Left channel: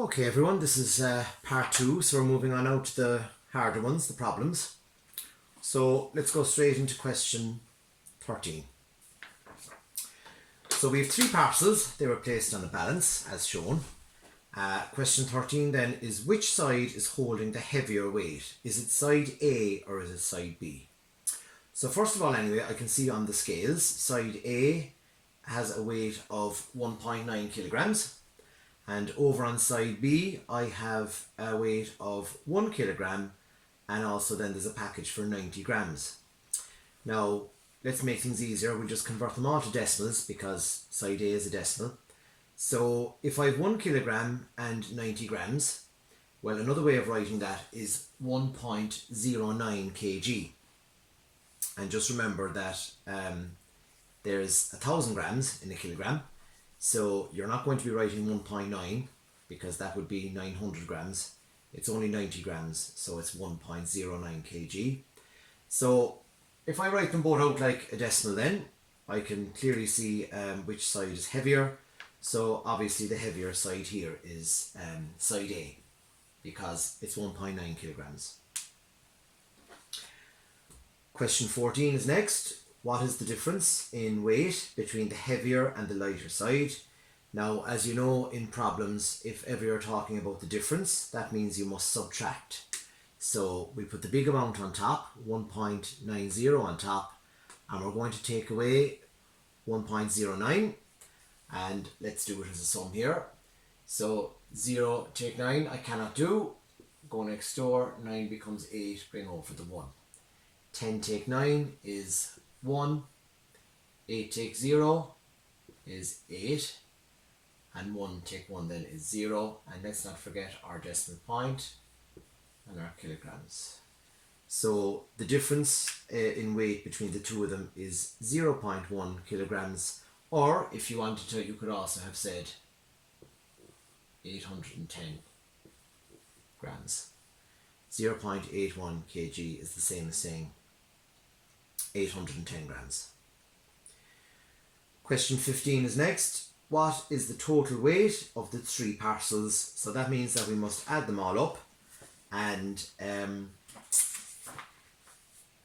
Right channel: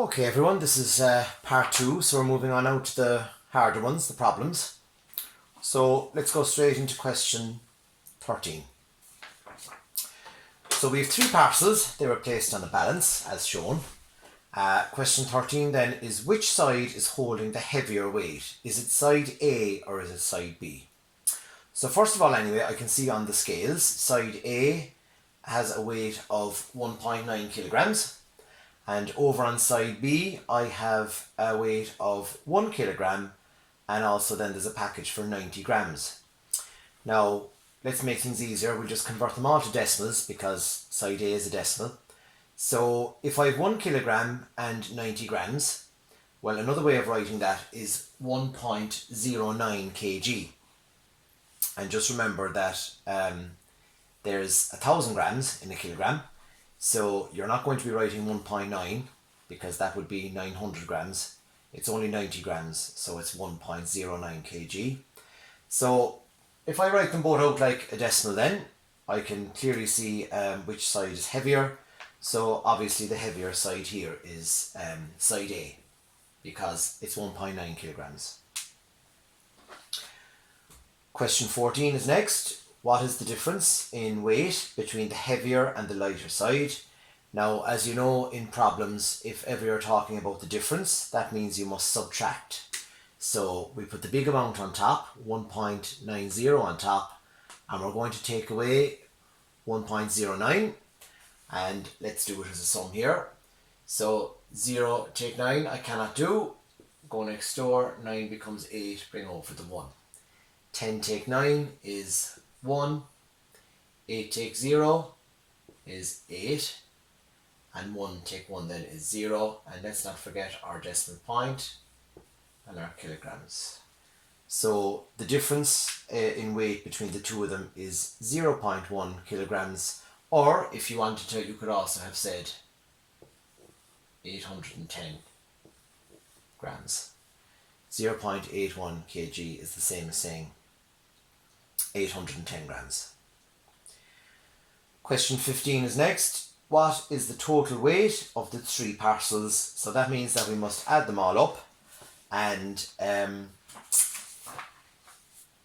Okay everyone, this is part 2, so we're moving on out to the harder ones, the problems. So let's go straight into question 13. So we have 3 parcels, they were placed on a balance as shown. Question 13 then is, which side is holding the heavier weight? Is it side A or is it side B? So first of all anyway, I can see on the scales, side A has a weight of 1.9 kilograms. And over on side B, I have a weight of 1 kilogram, and also then there's a package for 90 grams. Now, let's make things easier. We'll just convert them all to decimals because side A is a decimal. So if I have 1 kilogram and 90 grams, well, another way of writing that is 1.09 kg. And just remember that there's 1,000 grams in a kilogram. So you're not going to be writing 1.9 because that would be 900 grams. It's only 90 grams, so it's 1.09 kg. So if I write them both out like a decimal then, I can clearly see which side is heavier. So obviously the heavier side here is side A because it's 1.9 kilograms. Question 14 is next. What is the difference in weight between the heavier and the lighter side? Now, as you know in problems, if ever you're talking about the difference, that means you must subtract. So we put the big amount on top, 1.90 on top, and we're going to take away 1.09, and let's do it as a sum here. So 0 take 9, I cannot do. Go next door, 9 becomes 8, bring over the 1. 10 take 9 is 1, 8 take 0 is 8, and 1 take 1 then is 0, and let's not forget our decimal point and our kilograms. So the difference in weight between the two of them is 0.1 kilograms, or if you wanted to, you could also have said 810 grams. 0.81 kg is the same as saying 810 grams. Question 15 is next. What is the total weight of the 3 parcels? So that means that we must add them all up, and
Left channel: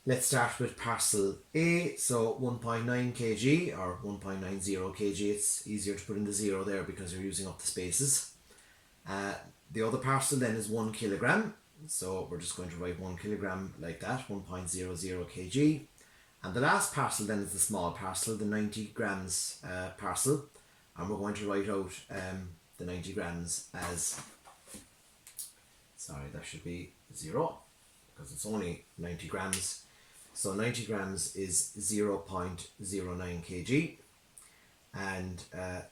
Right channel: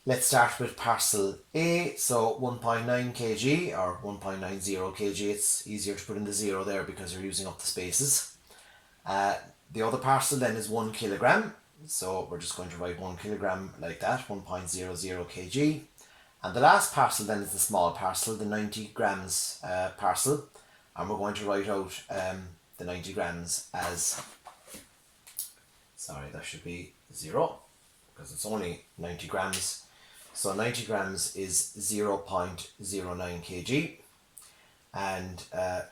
let's start with parcel A. So 1.9 kg or 1.90 kg. It's easier to put in the 0 there because you're using up the spaces. The other parcel then is 1 kilogram. So we're just going to write 1 kilogram like that, 1.00 kg. And the last parcel then is the small parcel, the 90 grams parcel. And we're going to write out the 90 grams as, sorry, that should be 0 because it's only 90 grams. So 90 grams is 0.09 kg. And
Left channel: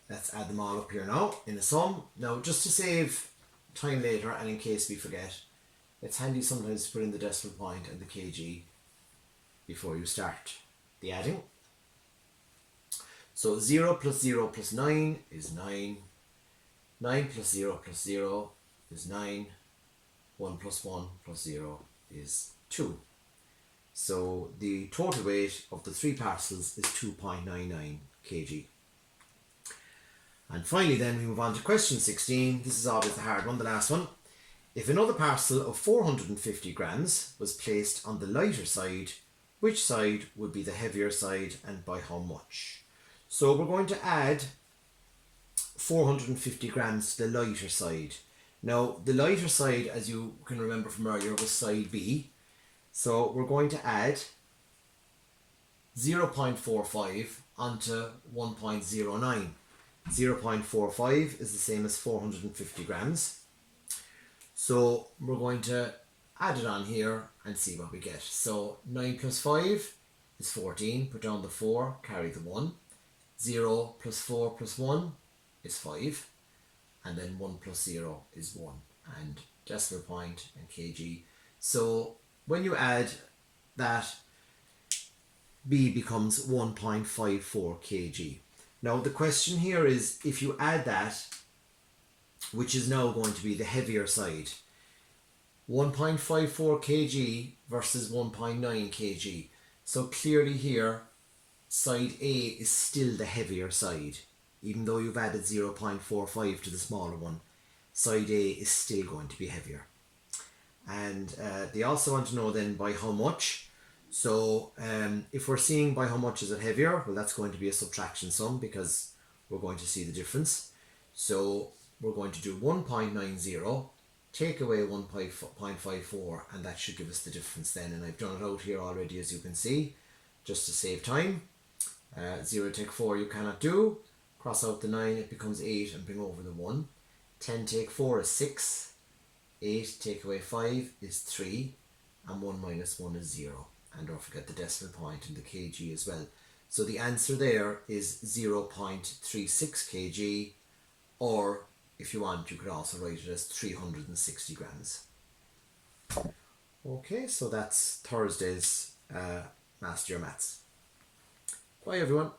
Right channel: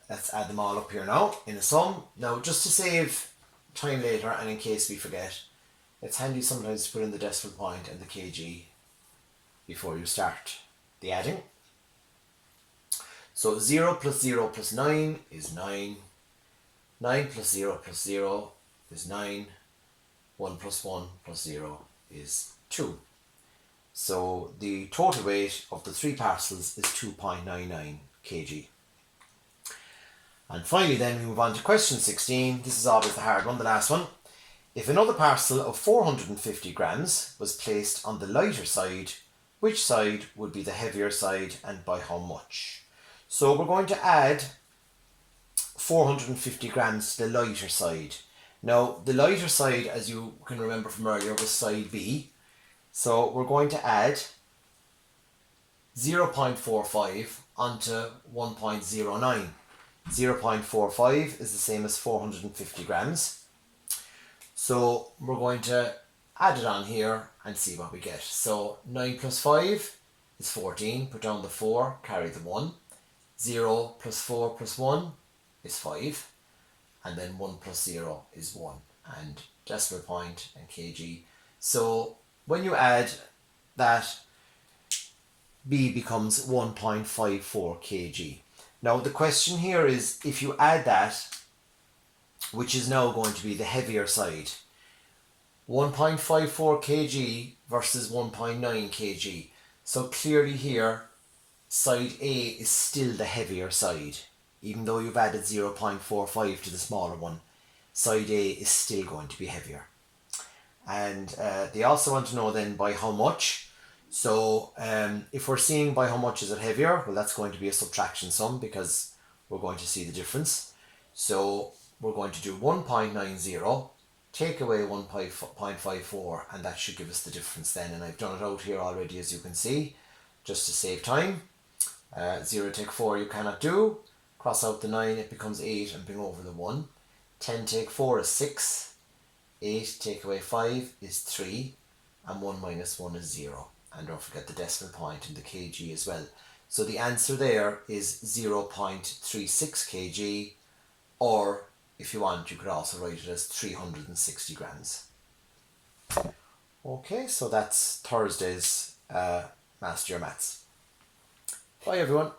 let's add them all up here now in a sum. Now, just to save time later and in case we forget, it's handy sometimes to put in the decimal point and the kg before you start the adding. So 0 plus 0 plus 9 is 9. 9 plus 0 plus 0 is 9. 1 plus 1 plus 0 is 2. So the total weight of the 3 parcels is 2.99 kg. And finally then we move on to question 16. This is always the hard one, the last one. If another parcel of 450 grams was placed on the lighter side, which side would be the heavier side and by how much? So we're going to add 450 grams to the lighter side. Now the lighter side, as you can remember from earlier, was side B. So we're going to add 0.45 onto 1.09. 0.45 is the same as 450 grams. So we're going to add it on here and see what we get. So 9 plus 5 is 14. Put down the 4, carry the 1. 0 plus 4 plus 1 is 5. And then 1 plus 0 is 1. And decimal point and kg. So when you add that, B becomes 1.54 kg. Now the question here is, if you add that, which is now going to be the heavier side, 1.54 kg versus 1.9 kg. So clearly here, side A is still the heavier side, even though you've added 0.45 to the smaller one. side A is still going to be heavier. And they also want to know then by how much. So if we're seeing by how much is it heavier, well, that's going to be a subtraction sum because we're going to see the difference. So we're going to do 1.90, take away 1.54, and that should give us the difference then. And I've done it out here already, as you can see, just to save time. 0 take 4 you cannot do. Cross out the 9, it becomes 8, and bring over the 1. 10 take 4 is 6. 8 take away 5 is 3. And 1 minus 1 is 0. And don't forget the decimal point and the kg as well. So the answer there is 0.36 kg, or if you want, you could also write it as 360 grams. Okay, so that's Thursday's Master Your Maths. Bye everyone.